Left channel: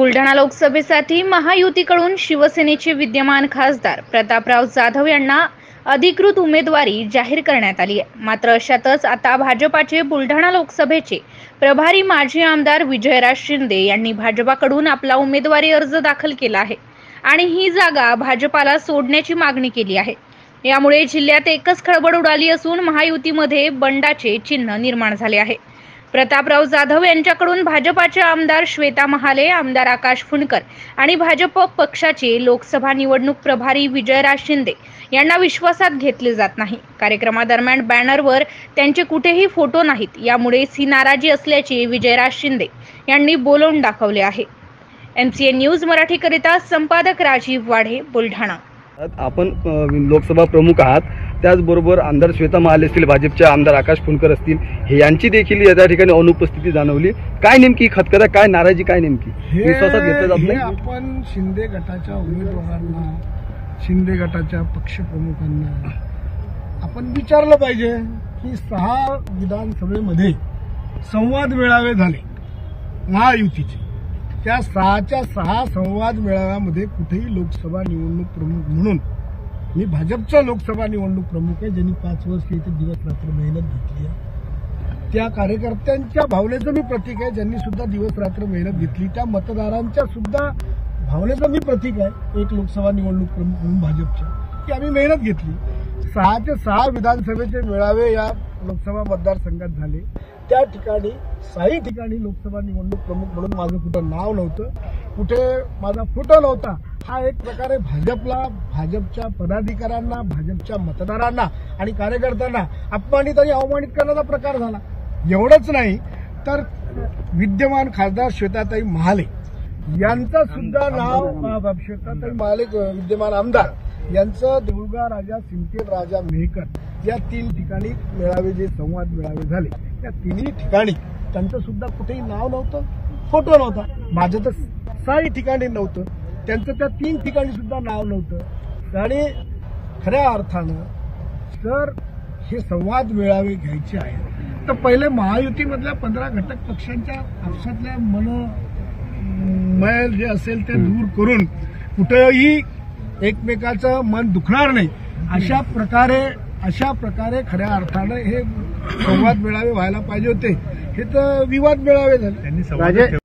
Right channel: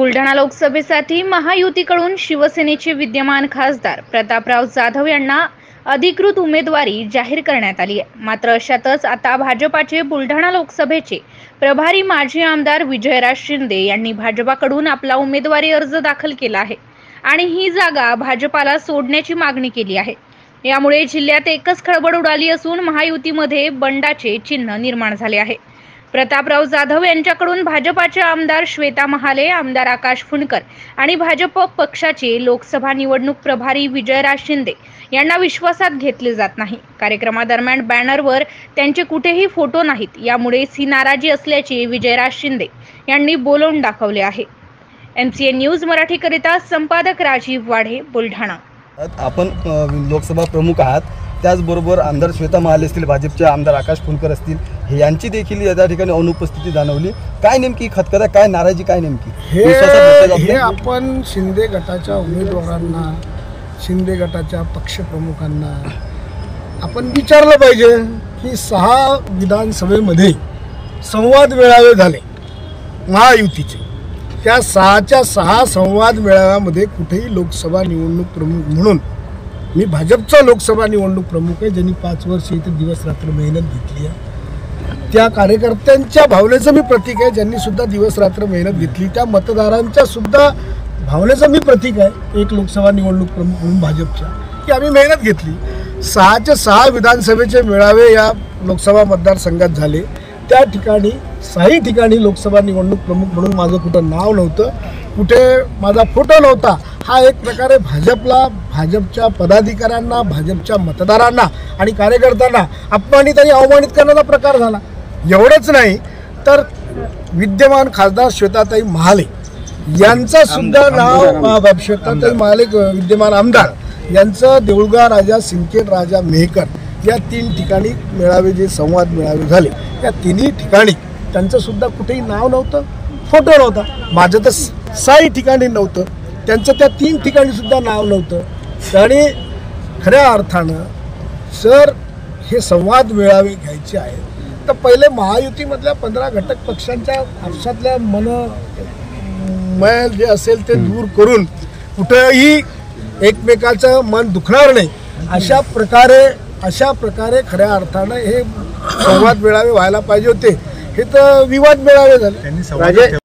बुलढाणा लोकसभेसाठी महायुतीकडून शिवसेनेचे विद्यमान खासदार प्रतापराव जाधव यांना अधिकृत उमेदवारी जाहीर करण्यात आली आहे। मात्र अशातच आता भाजपाचे बुलढाणा लोकसभेचे प्रभारी माजी आमदार विजयराज शिंदे यांनी भाजपाकडून आपला उमेदवारी अर्ज दाखल केला आहे आणि ही जागा भाजपाला सोडण्याची मागणी केली आहे। यामुळे जिल्ह्यात एकच खळबळ उडाली असून महायुतीमध्ये बंडाचे चिन्ह निर्माण झाले आहे। प्रतापराव जाधव यांच्याकडून भाजपाचे आमदार श्वेता महाले, आमदार आकाश फुंडकर आणि भाजप पक्षाचे लोकसभा निवडणूक प्रभारी विजयराज शिंदे यांना विश्वासात घेतले जात नाही। कार्यक्रमादरम्यान बॅनरवर त्यांचे कुठेही फोटो नाहीत, यामुळे ही नाराजी असल्याचे विजयराज शिंदे यांनी बोलून दाखवले आहे। MCN न्यूज मराठीकरिता संपादक राजीव वाढे, बुलढाणा। आपण लोकसभा प्रमुख आहात, त्याचबरोबर आमदार श्वेता महाले असतील, भाजपचे आमदार आकाश फुंडकर असतील, हे यांची देखील या ठिकाणी अनुपस्थिती जाणवली। काय नेमकी खतखत, काय नाराजी, काय नेमकी हे आपण शिंदे गटाच्या उमेदवारांना, शिंदे गटाच्या पक्षप्रमुखांना आपण विचारलं पाहिजे की 6 विधानसभेमध्ये संवाद मेळावे झाले महायुतीचे। त्या 6च्या 6 संवाद मेळाव्यामध्ये कुठेही लोकसभा निवडणूक प्रमुख म्हणून मी भाजपचा लोकसभा निवडणूक प्रमुख आहे, ज्यांनी 5 वर्ष इथे दिवस रात्र मेहनत घेतली आहे, त्या कार्यकर्त्यांच्या भावनेचं मी प्रतीक आहे, ज्यांनी सुद्धा दिवस रात्र मेहनत घेतली, त्या मतदारांच्या सुद्धा भावनेचं मी प्रतीक आहे एक लोकसभा निवडणूक प्रमुख म्हणून भाजपच्या, की आम्ही मेहनत घेतली। 6च्या 6 विधानसभेचे मेळावे या लोकसभा मतदारसंघात झाले। त्या ठिकाणी 6 ठिकाणी लोकसभा निवडणूक प्रमुख म्हणून माझं कुठं नाव नव्हतं, कुठे माझा फोटो नव्हता। हा एक प्रकारे भाजपला, भाजपच्या पदाधिकाऱ्यांना, भाजपच्या मतदारांना आणि कार्यकर्त्यांना अपमानित आणि अवमानित करण्याचा प्रकार झाला। एवढंच नाही तर विद्यमान खासदार श्वेताताई महाले यांचं सुद्धा नाव, श्वेताताई महाले विद्यमान आमदार यांचं देऊळगाव राजा, सिंदखेड राजा, मेहकर या 3 ठिकाणी मेळावे, जे संवाद मेळावे झाले, या 3ही ठिकाणी त्यांचं सुद्धा कुठेही नाव नव्हतं, फोटो नव्हता। माझं तर 6 ठिकाणी नव्हतं, त्यांचं त्या 3 ठिकाणी सुद्धा नाव नव्हतं। आणि खऱ्या अर्थानं जर हे संवाद मेळावे घ्यायचे आहेत तर पहिले महायुतीमधल्या 15 घटक पक्षांच्या आपसातल्या मैल जे असेल ते दूर करून कुठेही एकमेकाचं मन दुखणार नाही अशा प्रकारे खऱ्या अर्थानं हे संवाद मेळावे व्हायला पाहिजे होते। हे तर विवाद मेळावे झाले।